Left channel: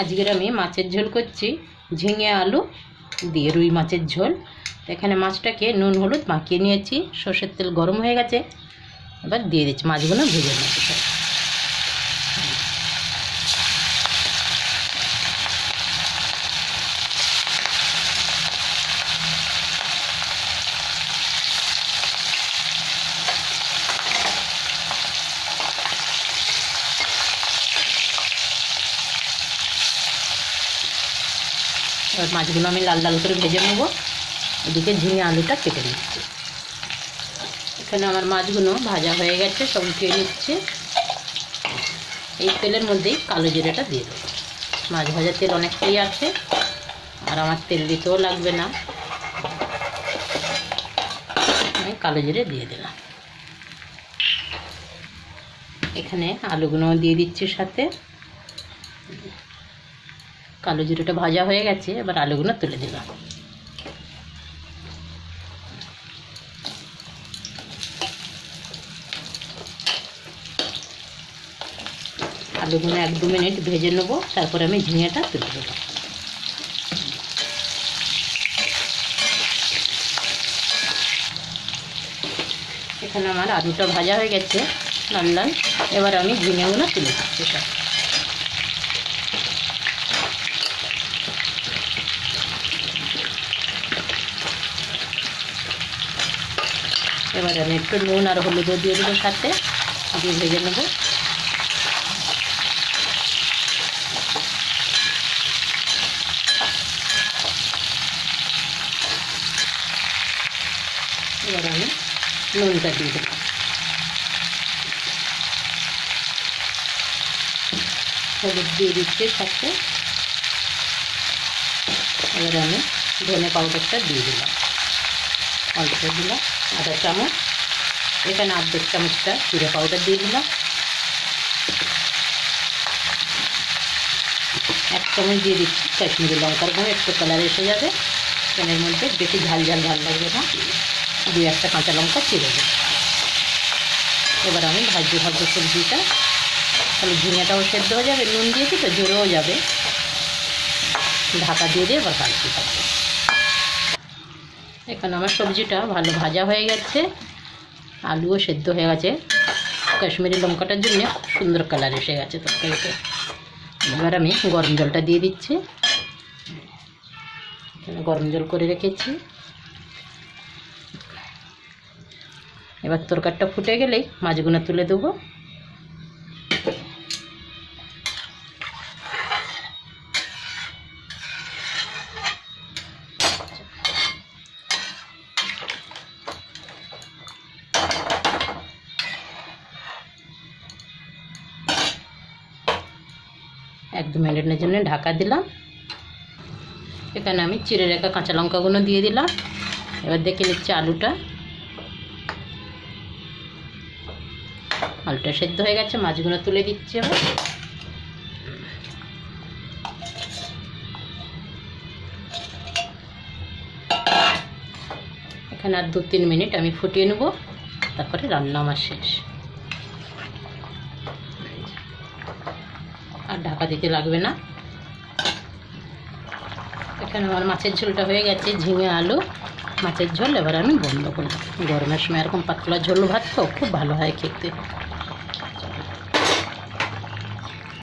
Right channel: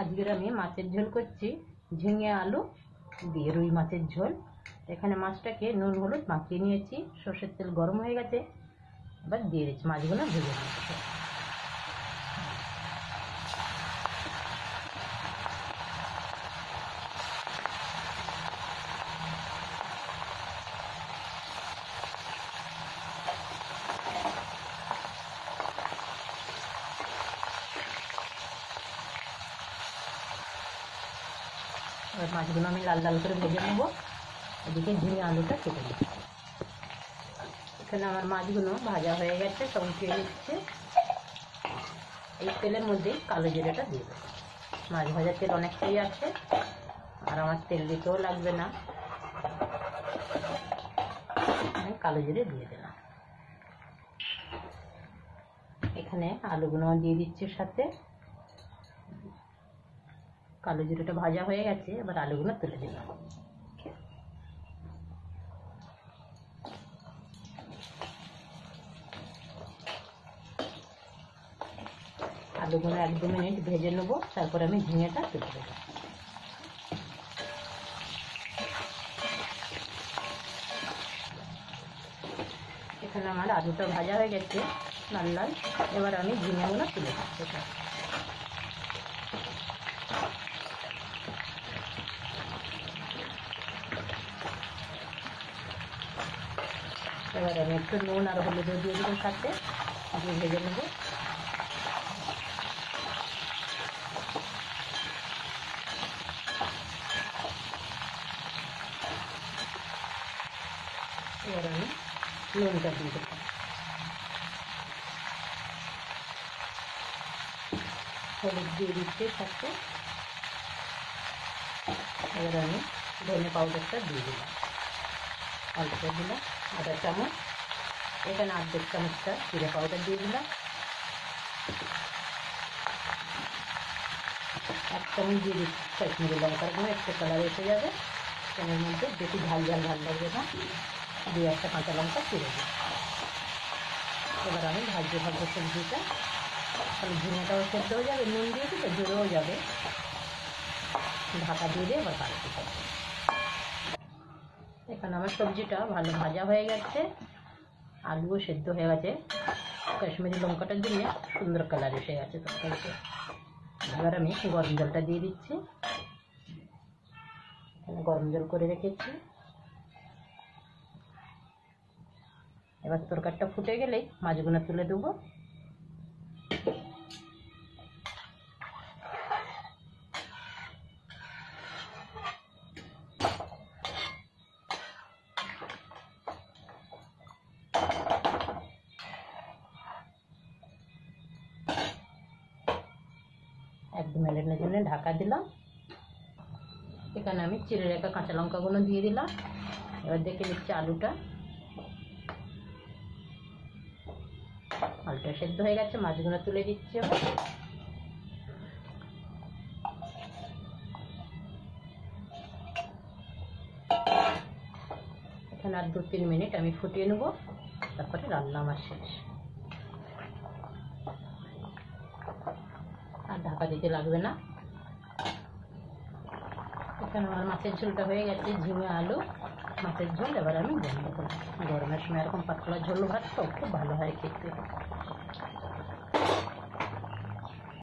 আজকের আমি মাছের ঝোল করছি, ঝিঙে আলু দিয়ে রুই মাছের ঝোল। এখানে মাছটাকে নুন হলুদ মাখিয়ে নিয়েছি, সর্ষের তেল গরম হয়ে গেছে, এবার দিয়ে দিচ্ছি মাছগুলো ভেজে নিচ্ছি সব। এবার মাছগুলো আমি লাল লাল করে ভেজে নেব, এদিকে ঝিঙে আলুটা কেটে নিচ্ছি। এখানে আমার মাছগুলো ভাজা হয়ে গেছে, সব উঠিয়ে নিচ্ছে। এই তেলের মধ্যেই কালো জিরেটা দিয়ে দেবো। মাছ ভাজার তেল অনেকটাই আছে, আর আমার তেল দিতেও লাগবে না। আমি কালো জিরে দিয়ে দিলাম। এখানে আলুগুলো দিয়ে দিচ্ছি সাথে। কালো জিরেটা ভাজা হয়ে গেছে, এবার আলুগুলো তুলে দিলাম। আলুগুলো 1-2 মিনিট ভেজে নেব, তারপরে আমি ঝিঙেটা তুলে দেবো। এখানে আমার আলুটা ভাজা হয়ে গেছে লাল লাল, এবার আমি ঝিঙেগুলো তুলে দিচ্ছি সব। এবার আমি একটু নুন আর হলুদও দিয়ে দেবো সাথে, দিয়ে ভেজে নেবো। এবার আমি নুনটা দিয়ে দেবো। হলুদ দিয়ে দিচ্ছি সাথে। এবার আমি ধনে পাউডারটা দিয়ে দিলাম, অল্প দিলাম 1/2 চামচ। এখানে 1/2 চামচটা জিরে পাউডার দিয়ে দিলাম। 1 চামচ দিয়ে দিচ্ছি কাশ্মীরি লঙ্কার গুঁড়ো, একটু কালার এসে যাবে। এর মধ্যে বেশি ঝাল ঝাল ভালো লাগবে না, 2-1টা কাঁচা লঙ্কা চিড়ে দেবো। এবার আমি ভাজতে সবজিটা, তাহলে ঝিঙেটাও সেদ্ধ হয়ে যাবে, নুন দিয়েছি তো জোরেও যাবে। ঢাকা দিয়ে দিয়ে এবার কাটতে থাকবে। এখানে আমার সবজিটা ভালো ভাজা হয়ে গেছে, আলুও সেদ্ধ হয়ে গেছে। কাশ্মীরি লঙ্কাটার জন্য সুন্দর কালার এসে গেছে তরকারিতে। এবার আমি গরম জলটা দিয়ে দিচ্ছি। গরম জল করে রেখেছি। এবার তরকারিটা ফুটে গেলেই মাছগুলো তুলে দেবো। এক 2 মিনিটের জন্য ঢাকা দিলাম। এখানে আমি চিড়ে রাখা কাঁচা লঙ্কাগুলো দিয়ে দিলাম। এবার দেখে নিচ্ছি আলুটা সেদ্ধ হয়ে গেছে, মাছগুলো তুলে দিচ্ছি। এখানে আর 2-3 মিনিট আমি ফুটিয়ে নেব, তারপরে রান্না আমার শেষ। আর ঢাকা দিতে লাগবে না। এখানে আমার মাছের ঝোলটা হয়ে গেছে, ঝিঙে আলু মাছের ঝোল। এবার আমি বন্ধ করব। গরমের সময় এরকম পাতলা ঝোল ভাত তো খুব ভালো হয় খেতে।